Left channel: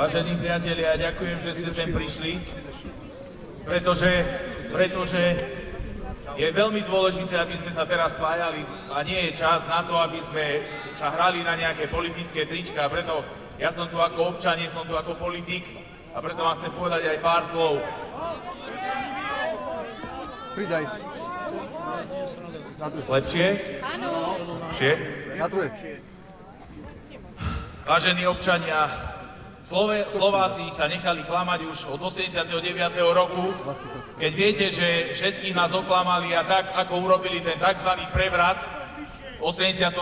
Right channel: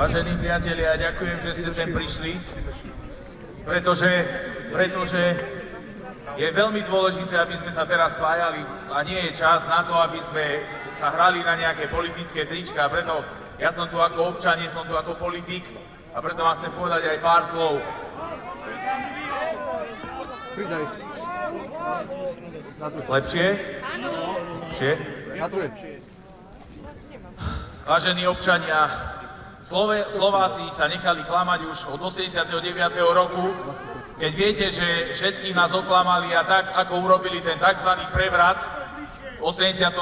Vážení priatelia, ďakujem, že ste sem prišli, pretože je veľmi dôležité, aby sme sa teraz spájali a nie je čas na to, aby sme sa hrali na nejaké politické trička. Preto ja som tu ako občan, nie som tu ako politik a preto vám chcem povedať aj pár slov. Pridaj. Lepšie? Lepšie? Vážení občania, Slováci sa nechali klamať už od 89. roku, keď viete, že všetkých nás oklamali a tak, ako urobili ten tzv. Prevrat v 89.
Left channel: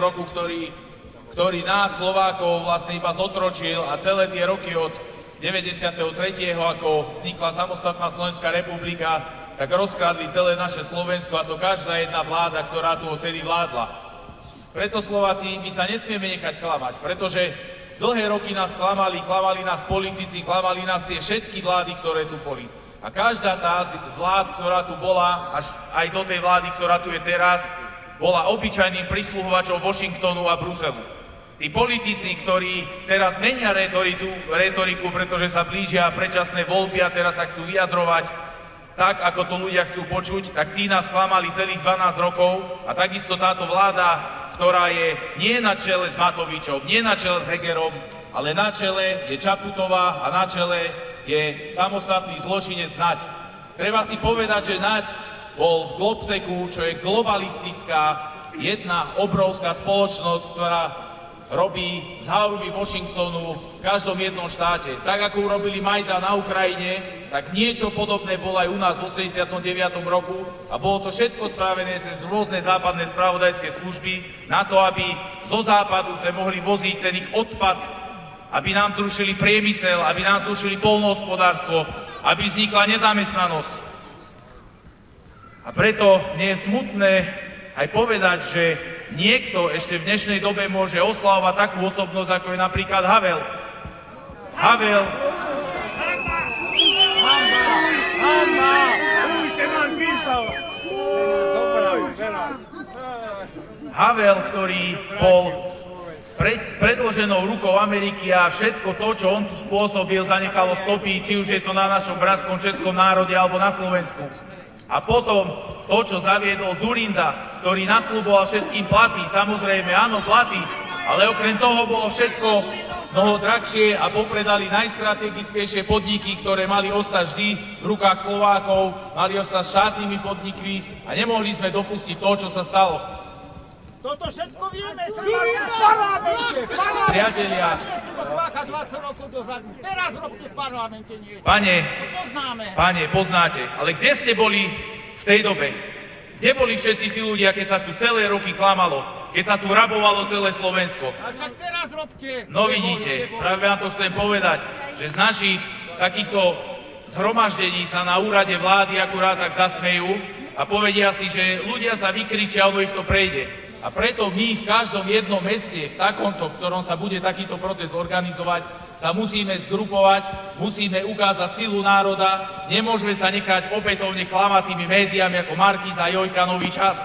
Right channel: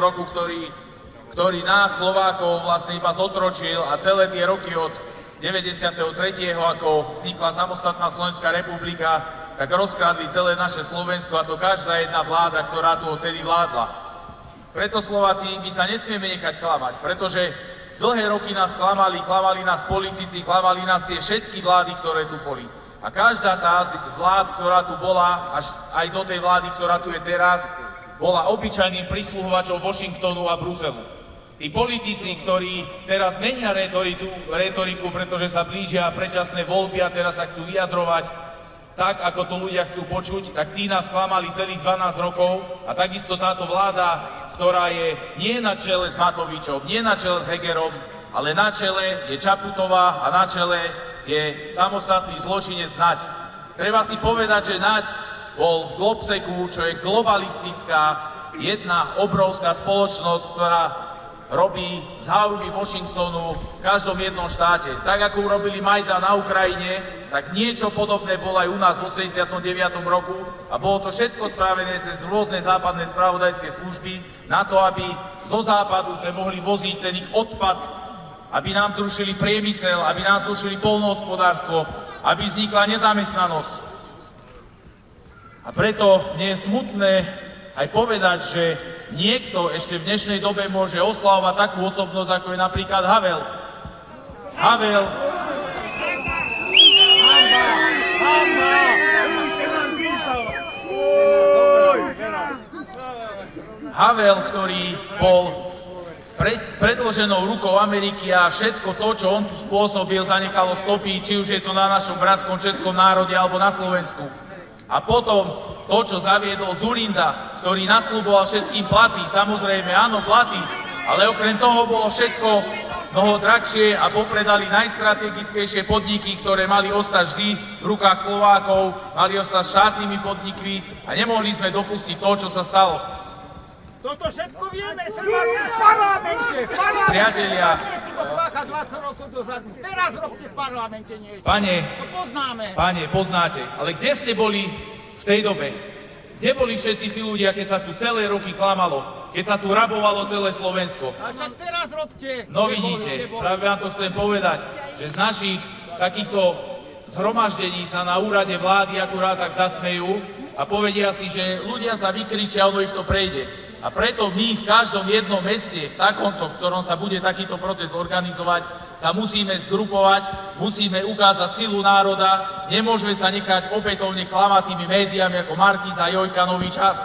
roku, ktorý nás, Slovákov, vlastne iba zotročil a celé tie roky od 93. ako vznikla samostatná Slovenská republika, tak rozkradli celé naše Slovensko a to každá jedna vláda, ktorá tu odtedy vládla. Preto Slováci, my sa nesmieme nechať klamať, pretože dlhé roky nás klamali nás politici, klamali nás tie všetky vlády, ktoré tu boli. A každá tá vlád, ktorá tu bola, až aj do tej vlády, ktorá tu je teraz, bola obyčajným prisluhovačom Washingtonu a Bruselu. Tí politici, ktorí teraz menia retoriku, pretože sa blížia predčasné voľby a teraz sa chcú vyjadrovať tak, ako to ľudia chcú počuť, tak tí nás klamali celých 12 rokov a takisto táto vláda, ktorá je nie na čele s Matovičom, nie na čele s Hegerom, ale na čele je Čaputová a na čele je samostatný zločinec Naď. Treba si povedať, že Naď bol v Globseku, čo je globalistická, jedna obrovská spoločnosť, ktorá robí záujmy Washingtonu v každom jednom štáte. Tak ako urobili Majdan na Ukrajine, tak niečo podobné bolo aj u nás v 89. roku a bolo to všetko spravené cez rôzne západné spravodajské služby na to, aby zo západu sa mohli voziť ten ich odpad, aby nám zrušili priemysel, aby nám zrušili poľnohospodárstvo, aby vznikla nezamestnanosť. A preto nie je smutné aj povedať, že niekto ešte v dnešnej dobe môže oslavovať takú osobnosť, ako je napríklad Havel. Havel, ktorý bol predĺženou rukou Ameriky a všetko to, čo on tu spôsobil, zanechalo stopy, či už je to na našom bratskom českom národe alebo na Slovensku. A potom to, čo zaviedol Dzurinda, ktorý nasľuboval všetkým platy, samozrejme áno, platy, ale okrem toho bolo všetko mnoho drahšie a popredali najstrategickejšie podniky, ktoré mali ostať vždy v rukách Slovákov, mali ostať štátnymi podnikmi a nemohli sme dopustiť to, čo sa stalo. Toto všetko vieme, v parlamente. Priatelia, teraz robte v parlamente niečo. Pane, poznáte, ale kde ste boli v tej dobe? Kde boli všetci tí ľudia, keď sa tu celé roky klamalo, keď sa tu rabovalo celé Slovensko? A však teraz robte. No vidíte, práve vám to chcem povedať, že z našich takýchto zhromaždení sa na úrade vlády akurát tak zasmejú a povedia si, že ľudia sa vykričia, ono ich to prejde. A preto my v každom jednom meste, v takomto, v ktorom sa bude takýto protest organizovať, sa musíme zgrupovať, musíme ukázať silu národa, nemôžeme sa nechať opätovne klamať tými médiami ako Markíza, Jojka, Nový čas.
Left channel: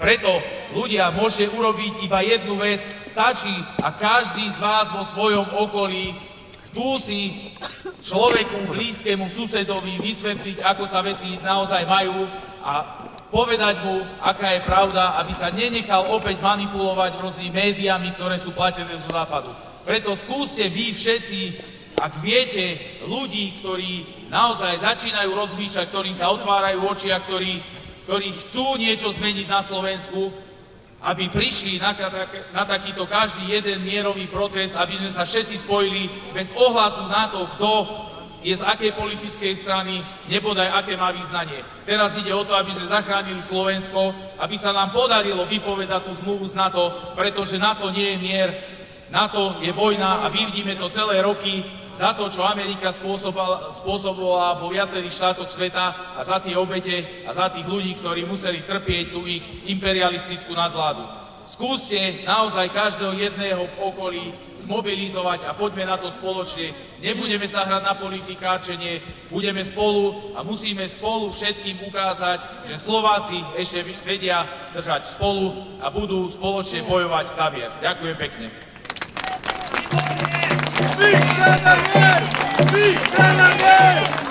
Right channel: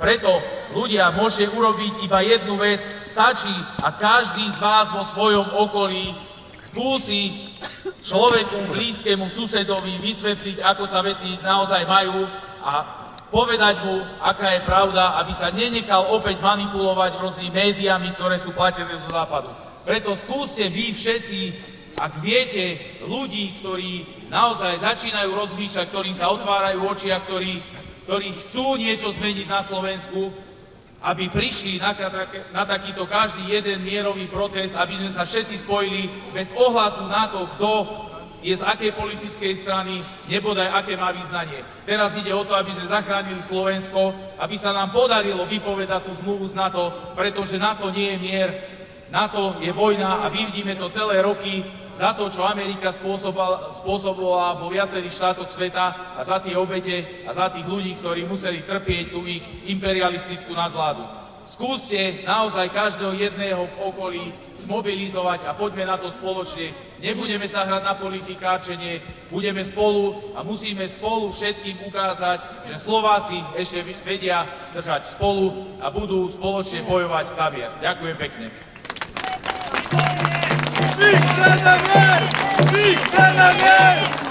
Preto ľudia, môžete urobiť iba jednu vec, stačí a každý z vás vo svojom okolí skúsi človeku, blízkému susedovi vysvetliť, ako sa veci naozaj majú a povedať mu, aká je pravda, aby sa nenechal opäť manipulovať rôznymi médiami, ktoré sú platené zo západu. Preto skúste vy všetci, ak viete, ľudí, ktorí naozaj začínajú rozmýšľať, ktorým sa otvárajú oči a ktorí chcú niečo zmeniť na Slovensku, aby prišli na takýto každý jeden mierový protest, aby sme sa všetci spojili bez ohľadu na to, kto je z akej politickej strany, nebodaj aké má vyznanie. Teraz ide o to, aby sme zachránili Slovensko, aby sa nám podarilo vypovedať tú zmluvu z NATO, pretože NATO nie je mier, NATO je vojna a vidíme to celé roky za to, čo Amerika spôsobovala vo viacerých štátoch sveta a za tie obete a za tých ľudí, ktorí museli trpieť tú ich imperialistickú nadvládu. Skúste naozaj každého jedného v okolí zmobilizovať a poďme na to spoločne. Nebudeme sa hrať na politikárčenie, budeme spolu a musíme spolu všetkým ukázať, že Slováci ešte vedia držať spolu a budú spoločne bojovať za mier. Ďakujem pekne. My chceme mier! My chceme mier!